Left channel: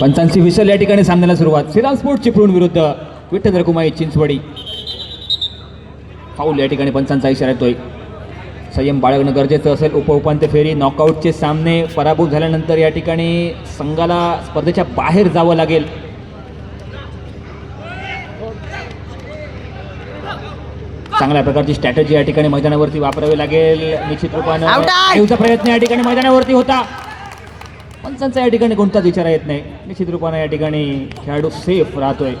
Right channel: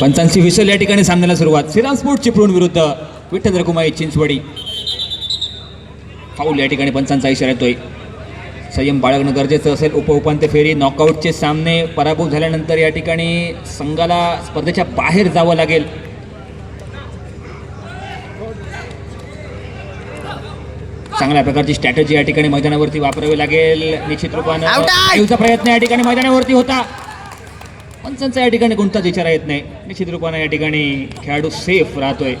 पंचांची whistle या ठिकाणी सामन्याला सुरुवात. श्रीराम स्पोर्ट चिपळूण विरुद्ध विठ्ठल रकुमाई चिंचवडी. फाऊल या ठिकाणी पंचांचा इशारा येतोय. संयम बाळगणं गरजेचं असेल. उपउपांत्य फेरी नॉकआउटचे सामने पराभूत झाल्यानंतर या ठिकाणी संघाला स्पर्धेच्या बाहेर जावं लागेल. चांगल्या प्रकारची स्ट्रॅटेजी या ठिकाणी मैदानावरती वापरावी लागेल. निश्चित रूपानं प्रयत्न या ठिकाणी मैदानावरती होता. पंचांचा या ठिकाणी कोणताच विचार येत नाही. निश्चित रूपाने या ठिकाणी खेळाडू सेफ राहतोय.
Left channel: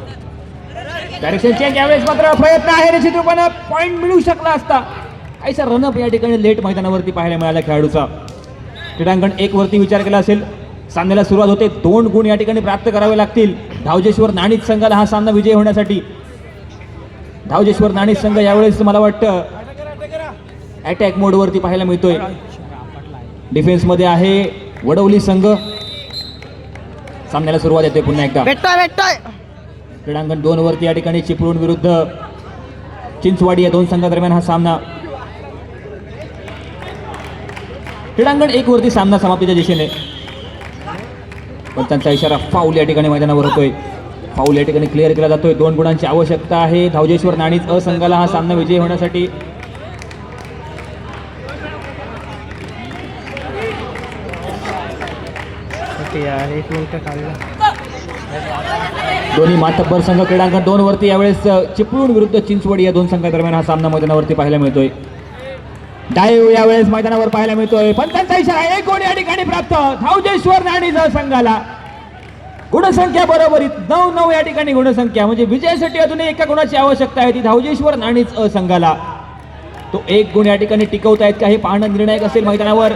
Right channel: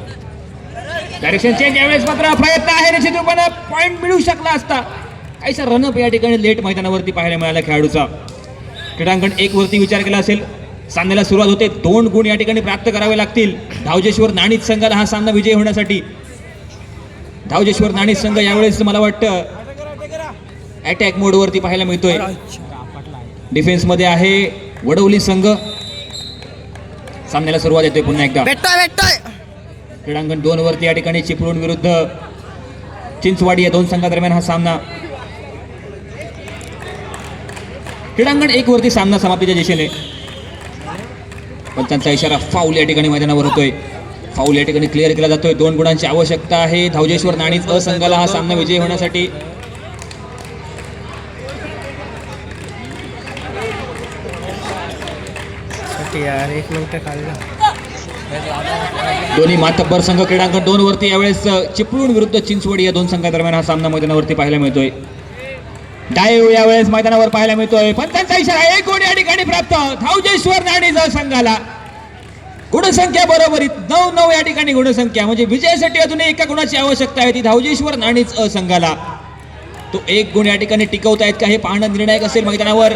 डायरेक्शन चेंज यावेळेस मात्र प्रयत्न आहे. निश्चित रूपाने पॉईंट मिळू शकला असता. काहीसा रनअप या ठिकाणी लेट मैदानावरती पाहायला मिळाला खेळाडूचा. क्रीडांगण एक वरती विचार केला असेल. सामन्याला सुरुवात होते. दोन गुण या ठिकाणी प्राप्त करावे लागतील. धावजेश्वर नाणीत संघाला हा सामना विजय होण्यासाठी. धावजेश्वर नाणीत संघ यावेळेस मला वाटतं अटॅक मोडवरती पाहायला मिळतोय. डिफेन्समध्ये आहे. वडवली संघ. सामन्याला सुरुवात येते पुन्हा एकदा. क्रीडांगण दोन वरती या ठिकाणी चिपळूण विरुद्ध चिंचवाडी या दोन संघादरम्यान हा सामना. क्रीडांगण एक वरती सामना समाप्तीच्या दिशेने. पंचांचा इशारा फाऊल या ठिकाणी मैदानावर होतोय. फाऊल या ठिकाणी क्लिअर केला जातोय. दोन गुणांची आवश्यकता आहे. धावजेश्वर नाणीच असंघाला हा सामना विजयी होण्यासाठी यार एक मिनिट काढलं. दोन्ही मातब्बर संघ क्रीडांकन दोन वरती यावेळेस चिपळूण विरुद्ध चिंचवडी या दोन संघादरम्यान हा सामना मैदानावरती पाहायला मिळतोय. डायव यावेळेस मैदानावर पाहायला मिळतोय. पण त्यांचा इशारा एक गुण या ठिकाणी प्राप्त. धावजेश्वर नाणी जर संघाला. गुणसंख्या बरोबरीत नऊ नऊ या ठिकाणी गुणसंख्या. म्हणजे विजयासाठी अजून एका गुणाची आवश्यकता आहे. ती धावजेश्वर नाणीच संघाला. तो एक गुण या ठिकाणी टिकवतायत का हे पाहणं निर्णायक असेल मैदानावर.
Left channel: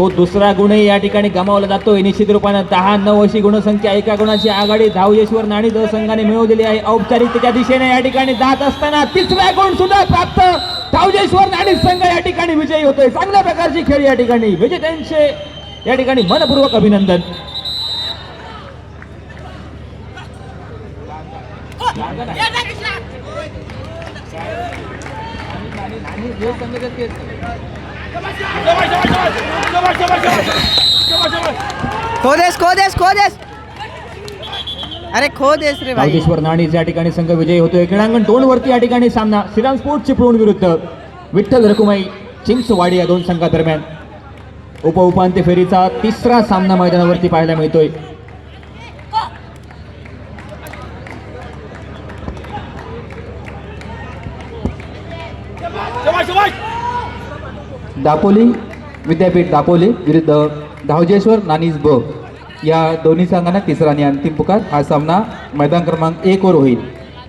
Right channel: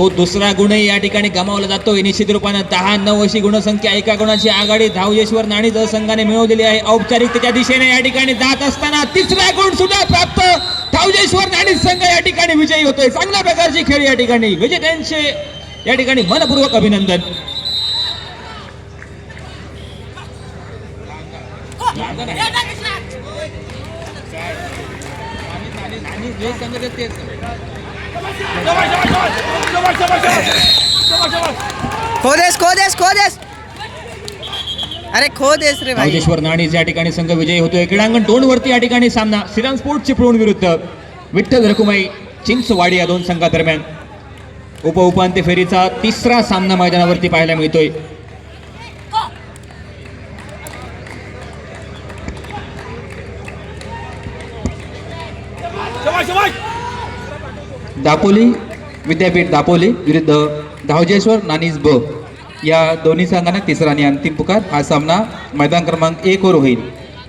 तो दुसरा गुणही या ठिकाणी गमावला जातोय निश्चित रूपानं दहा नऊ अशी गुणसंख्या एका गुणाची आघाडी धावजेश्वर नाणी संघाने मिळवलेली आहे. औपचारिकतेच्या दिशेने या ठिकाणी जात असताना तिसरा गुण सुद्धा प्राप्त धावजेश्वर नाणी संघ या ठिकाणी विजयी होतोय. चांगल्या प्रकारची खेळी या ठिकाणी. विजेत्यांचे या ठिकाणी मनपूर्वक अभिनंदन. खो देस खो देस खो देस अरे खो देस रे भाई. धावजेश्वर नाणी या ठिकाणी संघ विजयी होतोय. क्रीडांगण दोन वरती या ठिकाणी सामना श्रीराम स्पोर्ट चिपळूण विरुद्ध विठ्ठल रकुमाई चिंचवाडी या दोन संघादरम्यान. उपउपांत्य फेरीचा तिसरा सामना मैदानावरती पाहायला मिळतोय. दापोली विद्यापीठ दापोली विरुद्ध धावजेश्वर नानीज ब. या दोन्ही संघांना तिसरा आणि अंतिम पुकार. हा सामना मैदान क्रमांक एक वर होईल.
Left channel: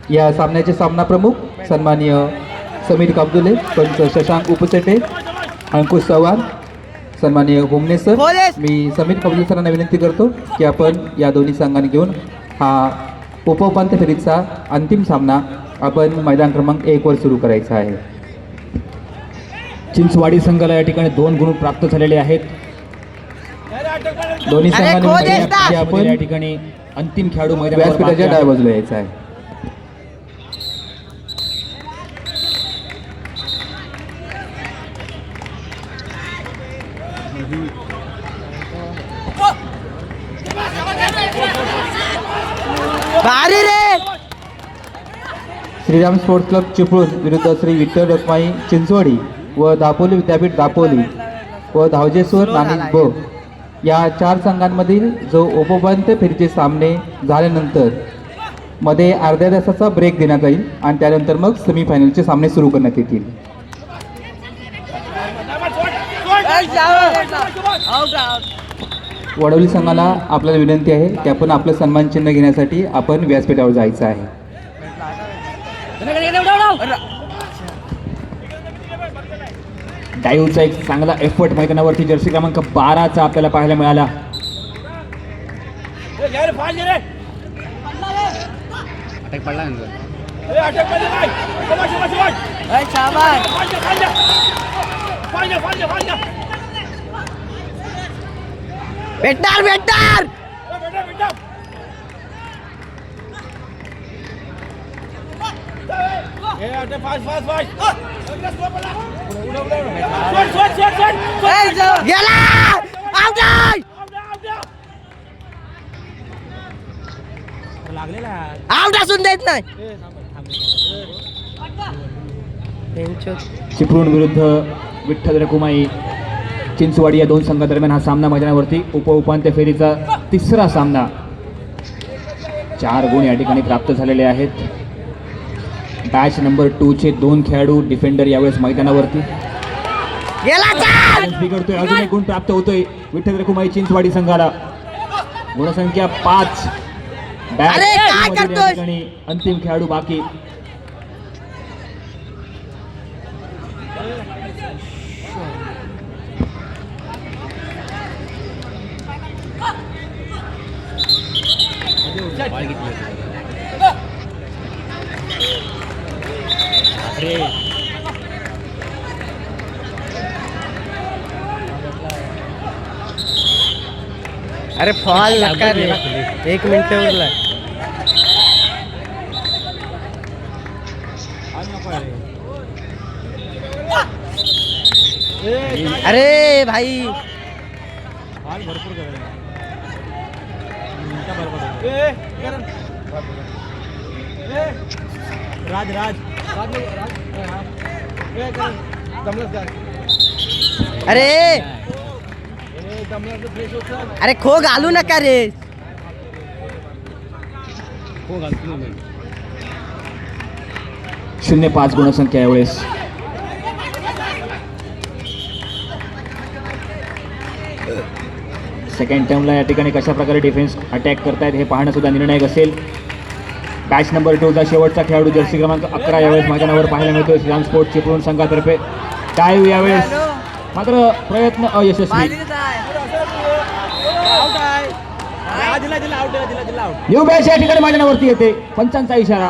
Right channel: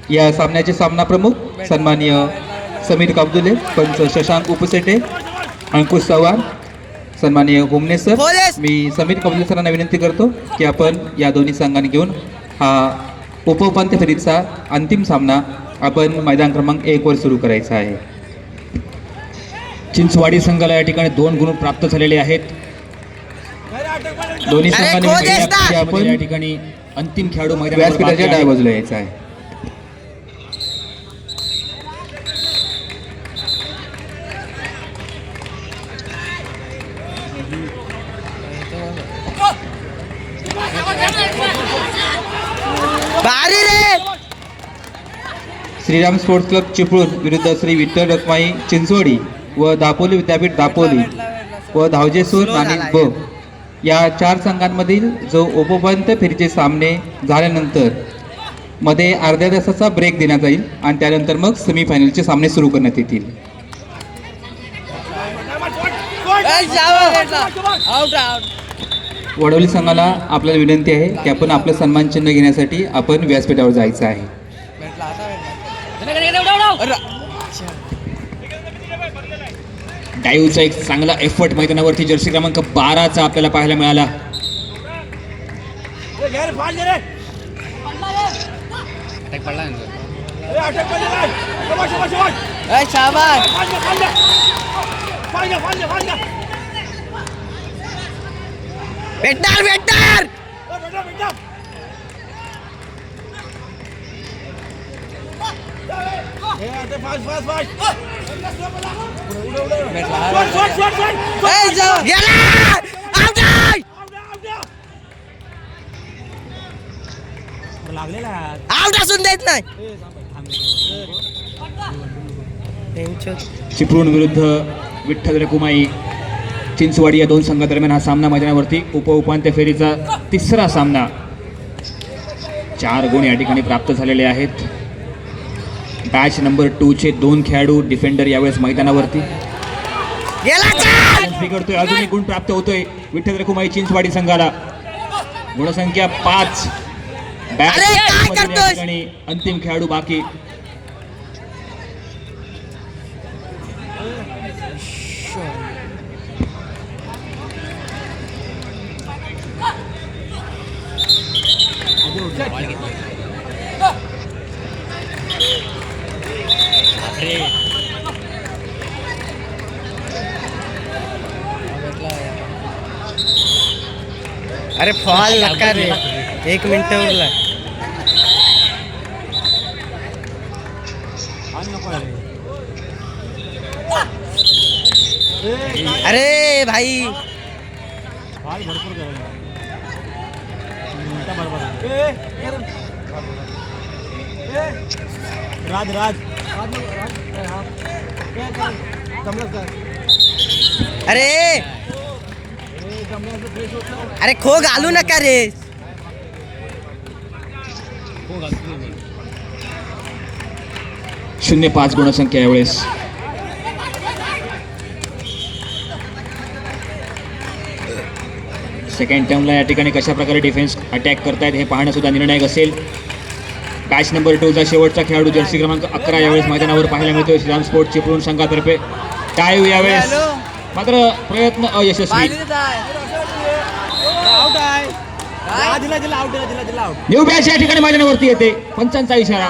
या सामन्याचे सामना प्रमुख सन्माननीय समीर काबदुले पंच शशांक उपसेटे अंकुश चव्हाण सन्माननीय हुमने सर! मी समीर काबदुले सरांना विनंती करतो की आपण या दोन्ही संघांनी घेऊन हा उपउपांत्य फेरीचा अंतिम सामना आपण मैदान क्रमांक एक वर सुरू करायचा आहे. चिंचवाडी संघाला या ठिकाणी दोन गुण प्राप्त झालेले आहेत. दोन्ही संघांनी या ठिकाणी अंतिम खेळाडू मैदानावर व्यासपीठाच्या डाव्या आहेत. बाजूला यायचं आहे. भारी रे! श्रीराम स्पोर्ट्स क्लब चिपळूण विरुद्ध श्री विठ्ठल रखमाई चिंचवडी. व दापोली विद्यापीठ दापोली व धावजेश्वर झाला ब या चार संघांमधील जो उपउपांत्य फेरीचे सामने झाल्यानंतरमध्ये अर्ध्या तासाचा ब्रेक देण्यात जाईल आणि त्यानंतर मग सेमीफायनलचे सामने सुरू करण्यात येतील. वडवली संघाला आपल्याला विनंती आहे की आपण आपलं सन्मान चिन्ह घेण्यासाठी आपण व्यासपीठावर जायचं आहे. डायूचा एक चांगला एफर्ट मैदानावरती जर्सी क्रमांक बाराचा आपल्याला पाहायला मिळाला. भेटणार भेटणार! गेला आउट चिपळूण विरुद्ध विठ्ठल रकुमाई चिंचवाडी या दोन संघादरम्यान हा सामना मैदानावरती. उप उपांत्य फेरीचा तिसरा सामना. चार गुण या ठिकाणी प्राप्त झालेले आहेत. बॅच नंबर टूचे दोन खेळाडू डिफेंडर यावेळेस मैदानावरती. गेला चाल! बिघडतोय अजून एक गुण प्राप्त होतोय विठ्ठल रकुमाई चिंचवाडी संघाला. गुणसंख्या पाच. अरे, काय? ठिकाणी अंतिम खेळाडू बाकी. अरे फॉल नका रे. एक मिनिट उरला. अरे भाई. अरे. अरे खो घालू नका रे? शून्य पाच गुणसंख्या यावेळेस. सेकंड टर्मला या ठिकाणी कशा प्रकारे डिफेन्स अटॅक करतायत हे पाहणं सुद्धा निर्णायक असेल. बॅच नंबर टूचा शेवटचा खेळाडू जर्सी क्रमांक अकरा यावेळेस मैदानावर पाहायला मिळतोय. श्रीराम स्पोर्ट चिपळूण संघातर्फे. काय यावेळेस. मात्र प्रयत्न अयशस्वी. न्यू बॅच या ठिकाणी मैदानावरती येते. पंचांचा इशारा.